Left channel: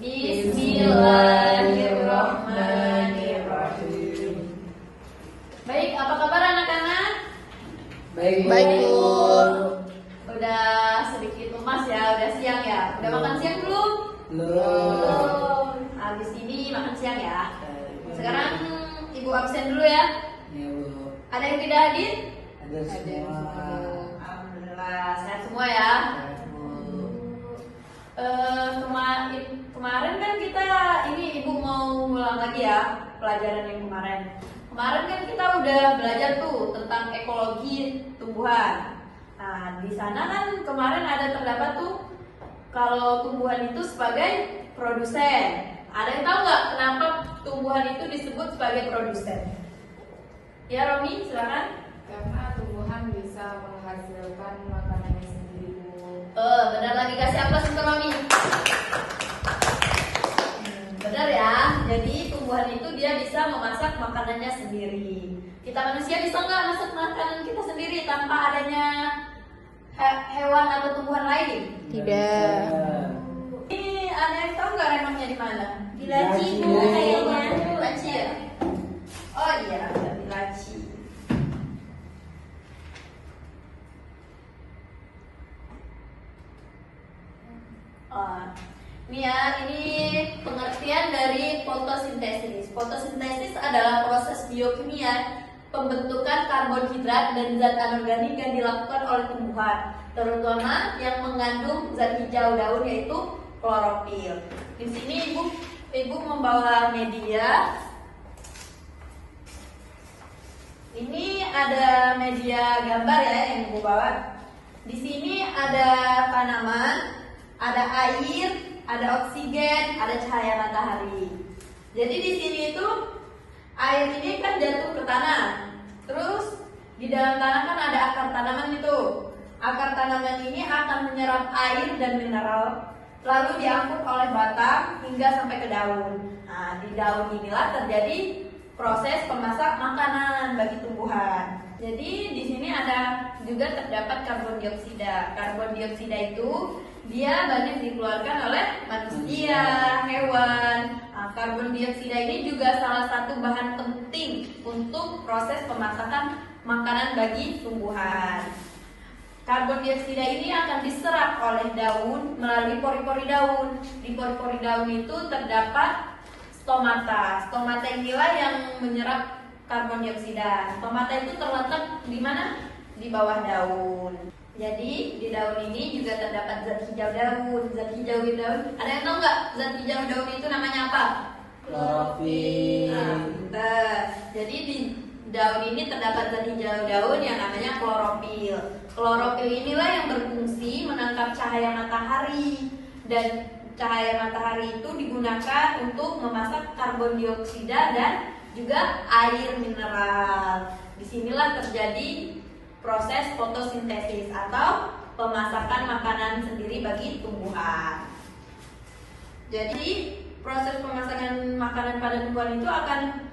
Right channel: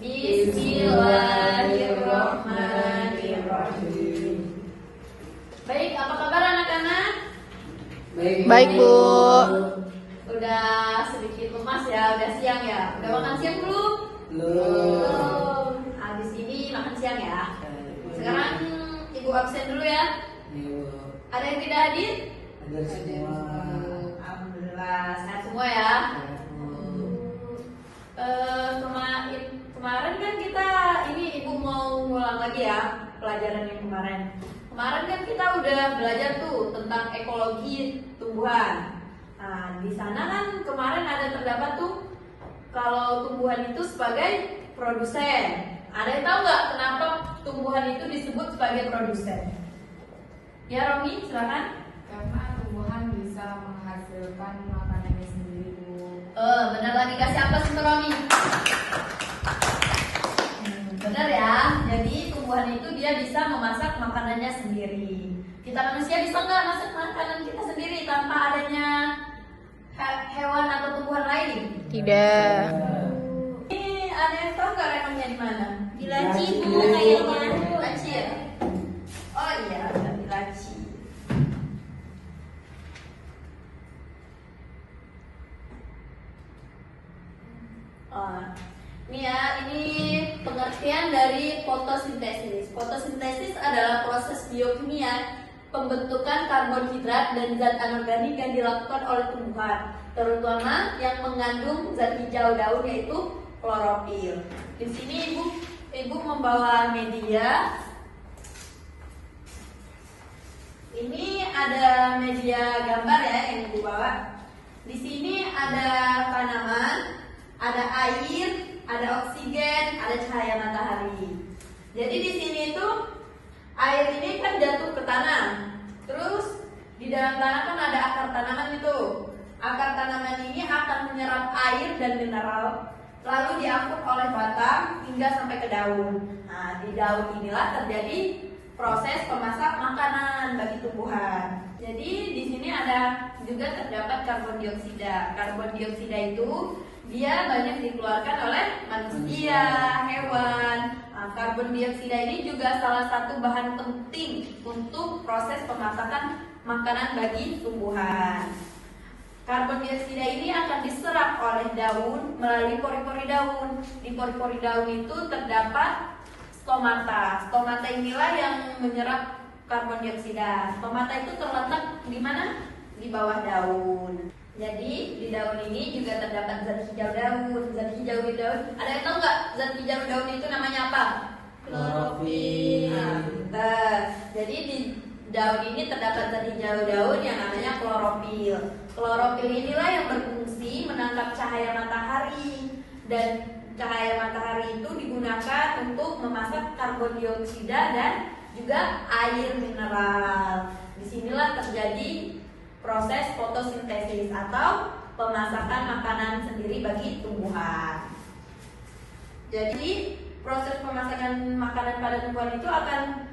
Bismillahirrahmanirrahim. Baik, apa kabar anak-anak? Baik, Bu. Udah sedikit lemas ya, udah siang ya. Udah makan siang belum? Belum. Habis ini makan siang ya. Sekarang Ibu absen dulu ya. Ada yang tidak hadir? Ada semua. Alhamdulillah, sehat semua ya. Kemarin kan kita ini Ibu mau ngulang lagi ya pelajaran yang kemarin. Kemarin kan kita udah belajar tuh tentang ekologi tumbuhan. Nah, di sana kan kemarin ada terdapat tuh kalau tumbuhan itu sebagai produsen. Ada yang tahu nggak kenapa tumbuhan itu disebut sebagai produsen? Ya, Romi, silakan. Karena tumbuhan bisa menghasilkan makanannya sendiri. Benar lagi, kasih aplaus untuk Romi. Benar ya, jadi tumbuhan itu dia bisa memasak makanannya sendiri. Kita manusia bisa nggak masak makanan kita sendiri tanpa adanya hewan atau tumbuhan lain? Tidak. Ini ada yang tahu nggak remangnya di mana? Di laci, Laci. Bu, kayaknya. Laci ya? Oh iya, di laci. Ini ya, ini pengertian dari fotosintesis. Fotosintesis adalah proses biokimia pembentukan karbohidrat dan zat anorganik yang dilakukan oleh tumbuhan, terutama yang mengandung zat hijau daun yaitu klorofil. Di sini ibu membawa media. Ini ada media gambar ya yang ibu bawa. Di sini ada tanaman, ada air, ada oksigen, ada cahaya matahari. Jadi di sini itu air ini kan jatuh ke tanah. Terus di dalam tanah kan ada akar tanaman itu. Akar tanaman ini akan menyerap air dan mineral, lalu diangkut oleh batang hingga sampai ke daun. Nah, di daun inilah terjadi proses pemasak makanan bagi tumbuhan. Jadi di sini ada juga terdapat karbon dioksida. Karbon dioksida itu dia banyak dikeluarkan oleh manusia, hewan. Nah, karbon dioksida ini juga salah satu bahan penting untuk proses pemasakan makanan bagi tumbuhan. Karbon dioksida ini akan diserap oleh daun melalui pori-pori daun. Di pori-pori daun itu terdapat stomata. Stomata inilah yang menyerap karbon dioksida. Stomata itu terletak di mana? Di bawah daun. Jadi di daun ini juga terdapat zat hijau daun. Zat hijau daun, ada yang tahu nggak zat hijau daun itu namanya apa? Klorofil. Jadi di daun ini terdapat zat hijau daun yang namanya klorofil. Klorofil inilah yang berfungsi menangkap cahaya matahari, dan cahaya matahari itu digunakan untuk memasak karbon dioksida dan juga air mineral. Disinilah terjadi proses fotosintesis atau pemasakan makanan sendiri bagi tumbuhan. Jadi proses pemasakan makanan pada tumbuhan itu akan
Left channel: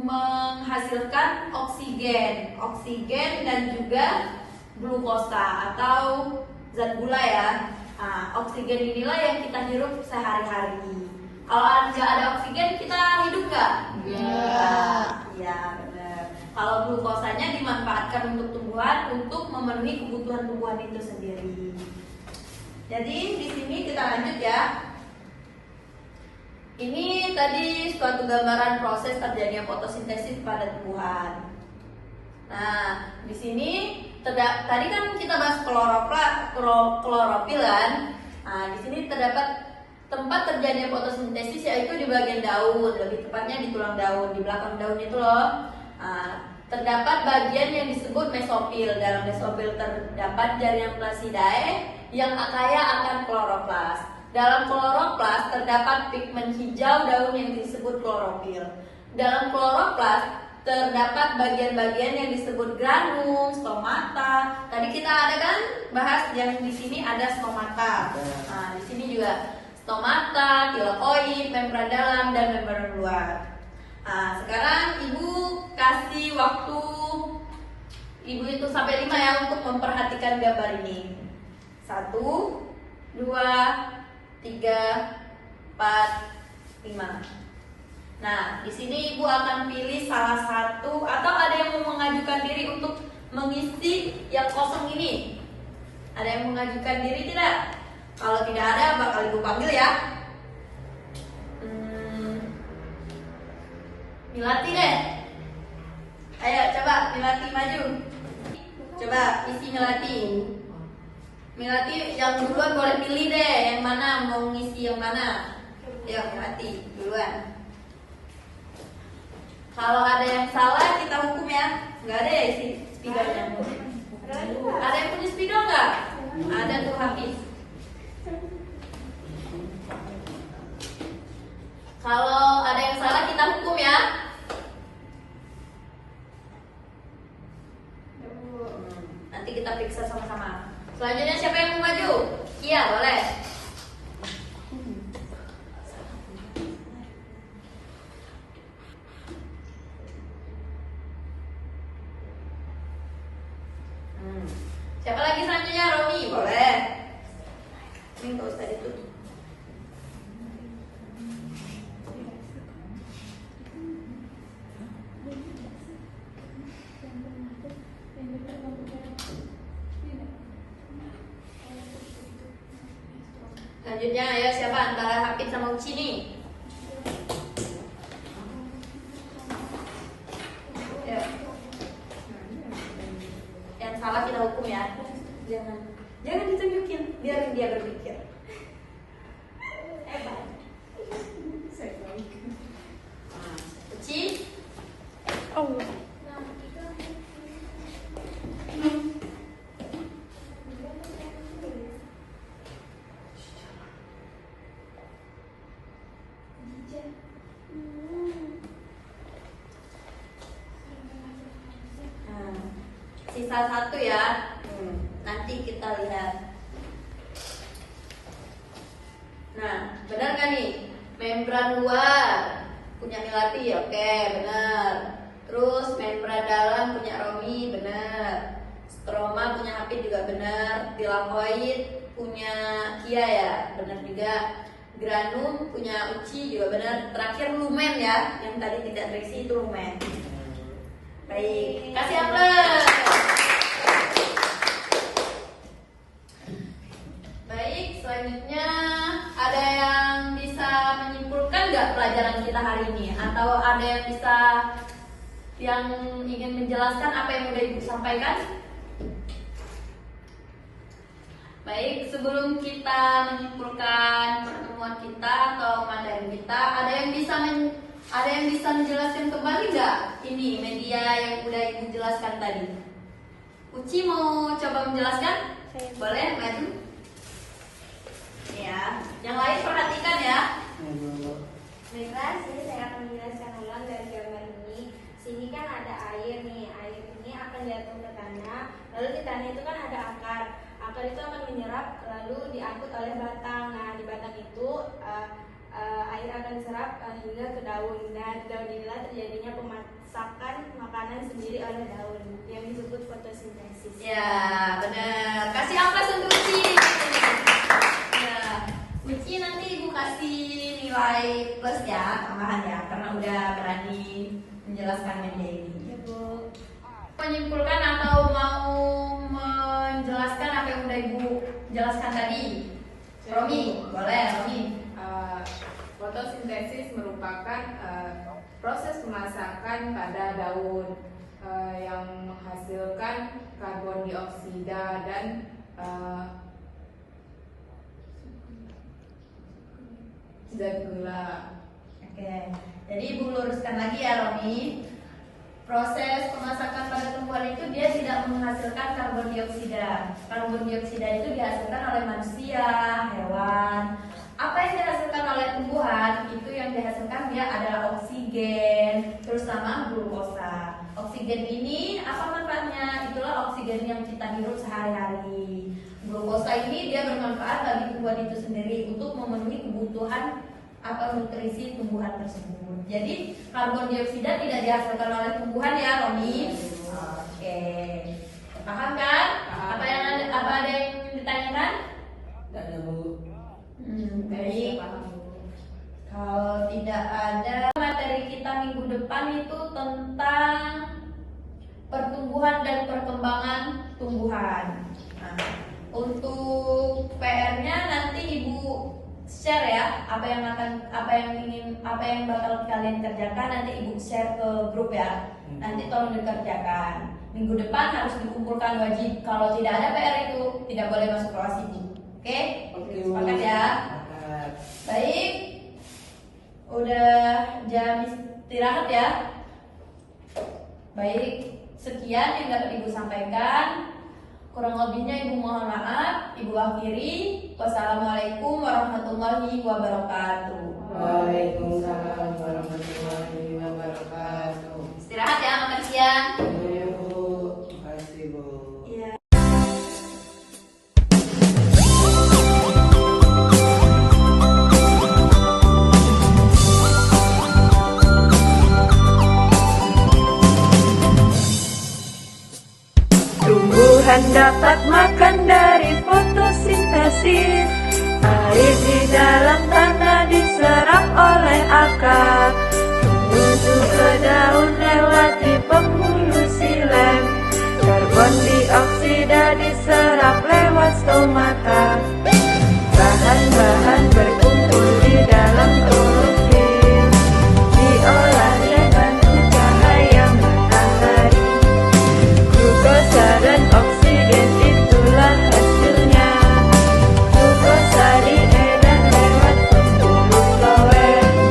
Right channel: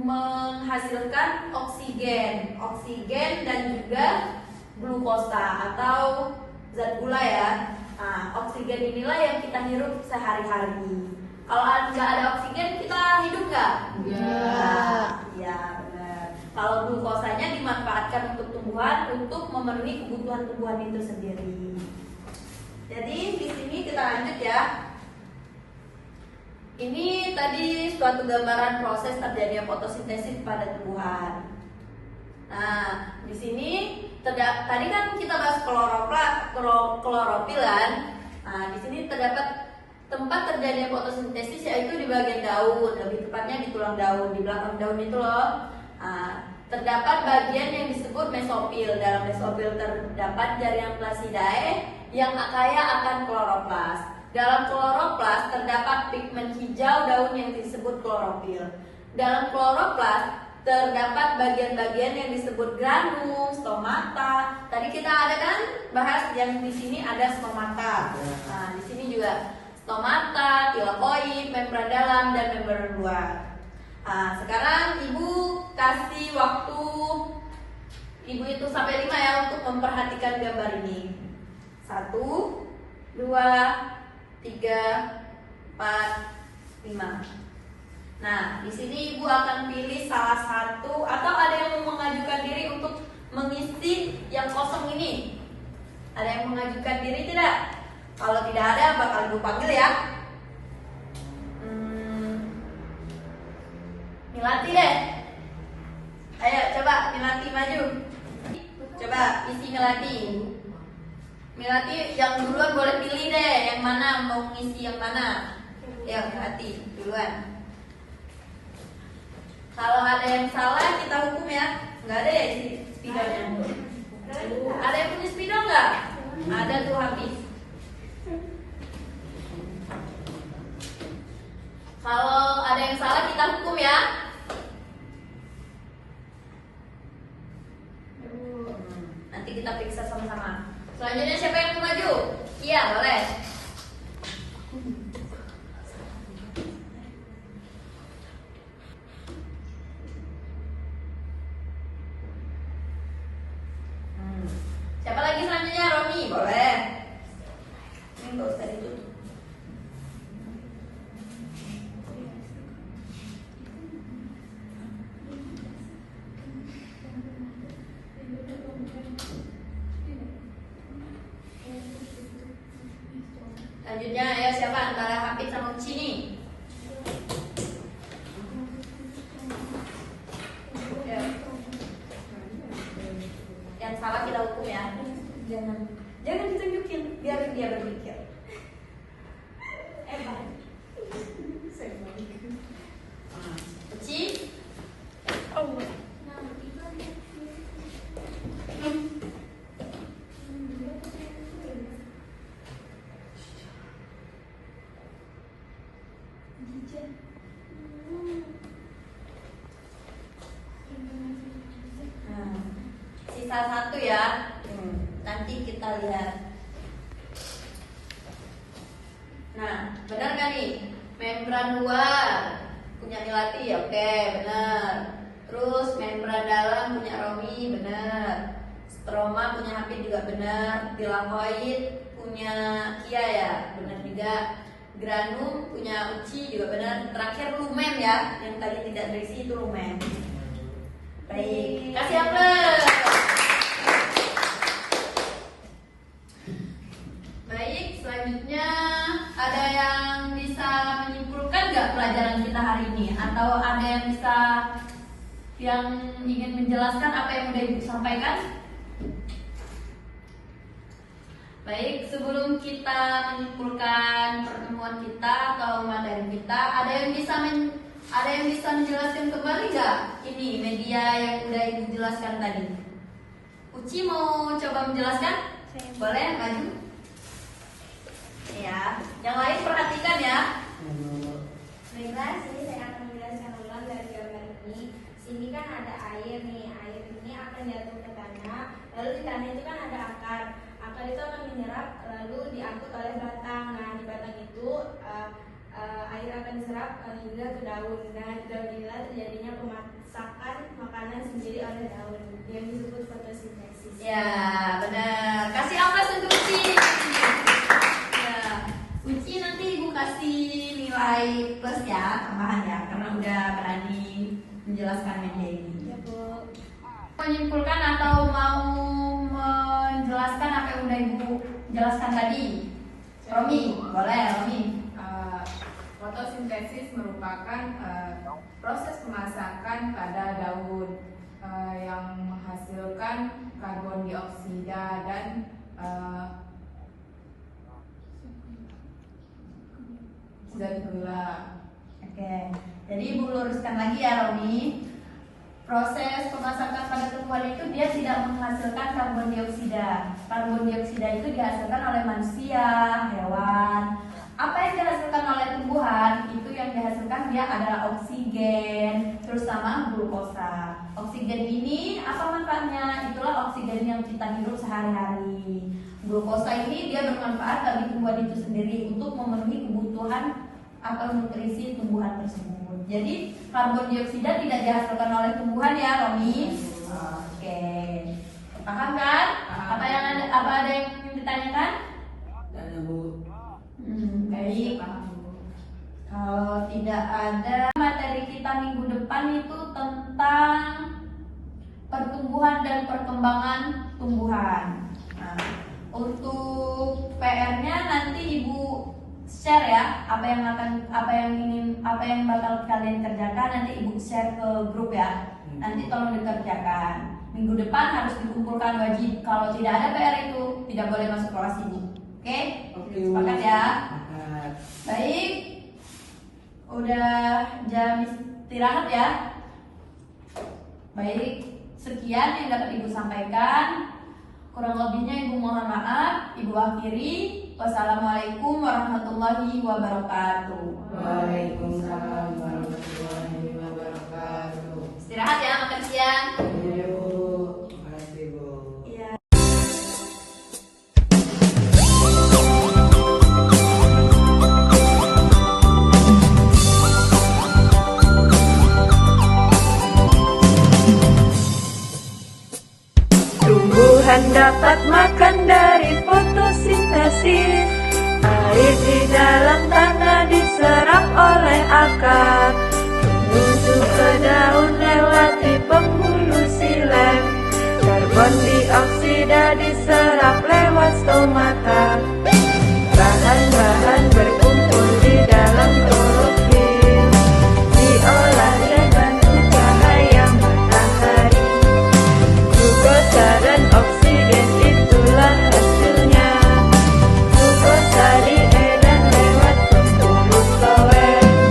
menghasilkan oksigen dan juga glukosa atau zat gula ya. Nah, oksigen inilah yang kita hirup sehari-hari. Kalau nggak ada oksigen kita hidup nggak? Ya, benar. Kalau glukosanya dimanfaatkan untuk tumbuhan untuk memenuhi kebutuhan tumbuhan itu sendiri. Jadi di sini kita lanjut ya. Ini tadi suatu gambaran proses terjadinya fotosintesis pada tumbuhan. Nah, di sini tadi kan kita bahas klorofil kan. Nah, di sini terdapat tempat terjadinya fotosintesis yaitu di bagian daun, lebih tepatnya di tulang daun, di belakang daun itu loh. Nah, terdapat bagian yang disebut mesofil. Dalam mesofil terdapat jaringan Placidae yang kaya akan kloroplas. Dalam kloroplas terdapat pigmen hijau daun yang disebut klorofil. Dalam kloroplas terdapat bagian-bagian yang disebut granum, stomata. Tadi kita ada kan bahas yang di sini ada stomata. Nah, di sini juga stomata, tilakoid, membran dalam dan membran luar. Nah, sekarang Ibu kasih waktu Ibu hitung sampai 5 ya untuk memperhatikan gambar ini. 1, 2, 3, 4, 5. Nah, di sini Ibu akan pilih salah satu atau ada yang mau mengajukan diri untuk mengisi yang kosong ini. Ada yang mengajukan diri tidak? Kalau tidak ada, bakal Ibu panggil ya. Milati deh. Ayo coba Milati maju. Coba isi Milati. Milati yang duluan boleh pilih deh yang mana mau mengisi yang mana. Ayo Milati duluan. Kalau ada yang salah kita hukum ya. Nggak ada ya isi spidolnya. Ada yang punya spidol nggak? Ada tuh Hafiz. Kalau ada yang salah kita hukum ya. Nanti kita periksa sama-sama. Selanjutnya siapa yang mau maju? Kia boleh. Siapa lagi selanjutnya? Romi boleh. Ini nggak usah ditutup. Selanjutnya ayo siapa antara Hafid sama Uci nih? Ayo. Yang salah kita hukum ya. Jangan ditunjukin, biar dia berpikir. Uci? Sisa satu ya. Nanti kita lihat. Nah, benar kan nih? Membran luar punya Milati, oke, benar. Terus membran dalam punya Romi, benar. Stroma punya Hafid juga benar. Tilakoid punya Kia ya, benar juga. Granum punya Uci juga benar. Terakhir lumen ya, yang tadi tidak terisi itu lumen. Baik, kasih aplaus. Baik, selanjutnya ada yang bisa menyimpulkan nggak pelajaran kita hari ini? Atau ada yang bisa yang ingin menjelaskan apa yang udah Ibu sampaikan? Baik, sebelum kita menyimpulkan pertemuan kita atau materi kita, ada yang bisa menjelaskan kembali nggak ini media yang udah Ibu jelaskan tadi? Uci mau coba menjelaskan? Boleh, maju. Ya, yang lain perhatikan ya. Baiklah, sini saya akan menjelaskan ulang dari gambar ini. Sini kan ada air nih, air ini akan jatuh ke tanah. Lalu di tanah itu kan ada akar. Akar itu akan menyerap lalu diangkut oleh batang. Nah, di batang itu air akan diserap hingga ke daun. Dan di daun inilah terjadinya pemasakan makanan sendiri oleh daun yang disebut fotosintesis. Ya, benar. Kasih aplaus untuk Uci. Ya, Uci nanti Ibu kasih nilai plus ya, tambahan ya, karena udah berani menjelaskan media ini. Menyimpulkan atau mau menjelaskan apa yang udah Ibu jelaskan tadi? Romi, boleh Romi. Fotosintesis merupakan proses pemasakan pada daun yang menghasilkan karbon dioksida dan zat gula. Oke, jadi Ibu luruskan lagi ya Romi. Proses pemasakan pada tumbuhan itu dia tidak menghasilkan karbon dioksida. Karbon dioksida itu dihasilkan oleh manusia, hewan. Apa yang dihasilkan oleh tumbuhan itu yang dihasilkan dia adalah oksigen, terus sama glukosa. Oksigen ini apa manfaatnya? Itulah oksigen yang kita hirup sehari-hari. Glukosa ini dia bermanfaat bagi tumbuhan itu sendiri untuk memenuhi kebutuhan atau nutrisi tumbuhan tersebut. Jadi karbon dioksida tidak dihasilkan oleh tumbuhan ya, Romi. Oke, paham kan? Apa ada yang ditanyakan? Tanya Bu. Baik. Kalau tidak ada, materi kita minggu depan itu tentang pertumbuhan dan perkembangan tumbuhan. Nah, untuk PR-nya nanti Ibu share ya, apa yang bakal kalian kerjakan nanti Ibu share ke grup ya. Nanti tolong dikerjakan. Minggu depan harus dikumpulkan wajib. Kalau tidak ada PR itu tidak boleh masuk kelas Ibu. Oke? Oke, Sepakat ya? Sepakat. Baik. Udah jam istirahat ya. Baik, sekian yang dapat Ibu sampaikan. Kurang lebihnya Ibu mohon maaf. Ibu akhiri. Wassalamualaikum warahmatullahi wabarakatuh. Waalaikumsalam warahmatullahi wabarakatuh. Istirahat ya, makan siang. Iya, Bu. Terima kasih, Bu. Iya. Tumbuhan dapat makan dari fotosintesis. Air di dalam tanah diserap oleh akar, menuju ke daun lewati pembuluh silem. Karbon dioksida diserap lewat stomata. Bahan-bahan berkumpul di dalam klorofil, diolah dan bantu cahaya matahari. Glukosa dan oksigen itulah hasilnya. Glukosa diedar lewat pembuluh floem.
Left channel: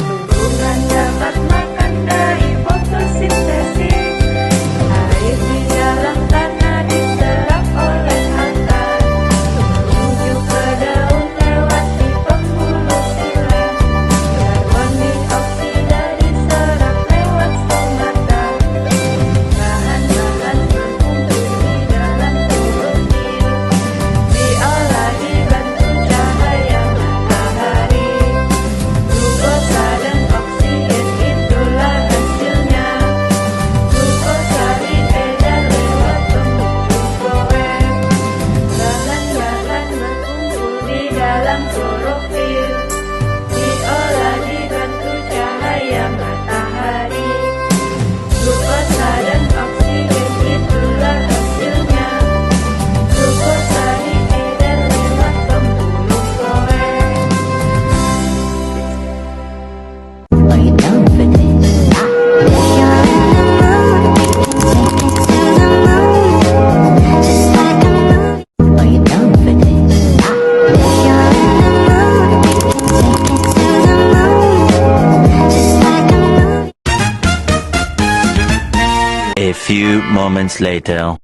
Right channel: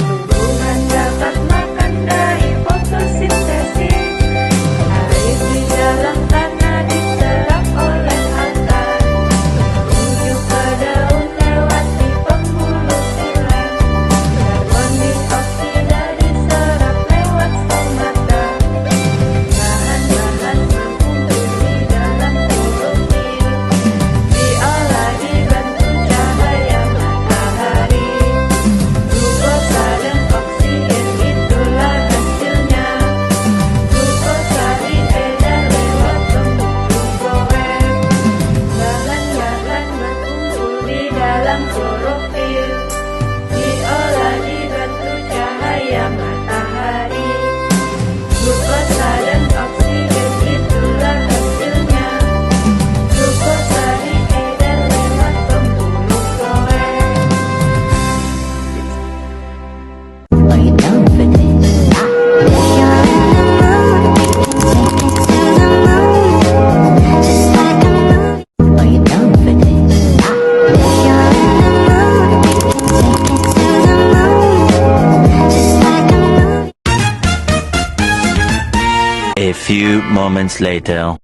Tumbuhan dapat makan dari fotosintesis. Air di dalam tanah diserap oleh akar, menuju ke daun lewati pembuluh silem. Karbon dioksida diserap lewat stomata. Bahan-bahan berkumpul di dalam klorofil, diolah dibantu cahaya matahari. Glukosa dan oksigen itulah hasilnya. Glukosa diedar lewat pembuluh floem. Bahan-bahan berkumpul di dalam klorofil, diolah dibantu cahaya matahari. Glukosa dan oksigen itulah hasilnya. Glukosa diedar lewat pembuluh floem. Are you down for this? If you're in the mood, take it to the moon, just like a movie. Are you down for this? If you're in the mood, take it to the moon, just like a movie. A few moments later.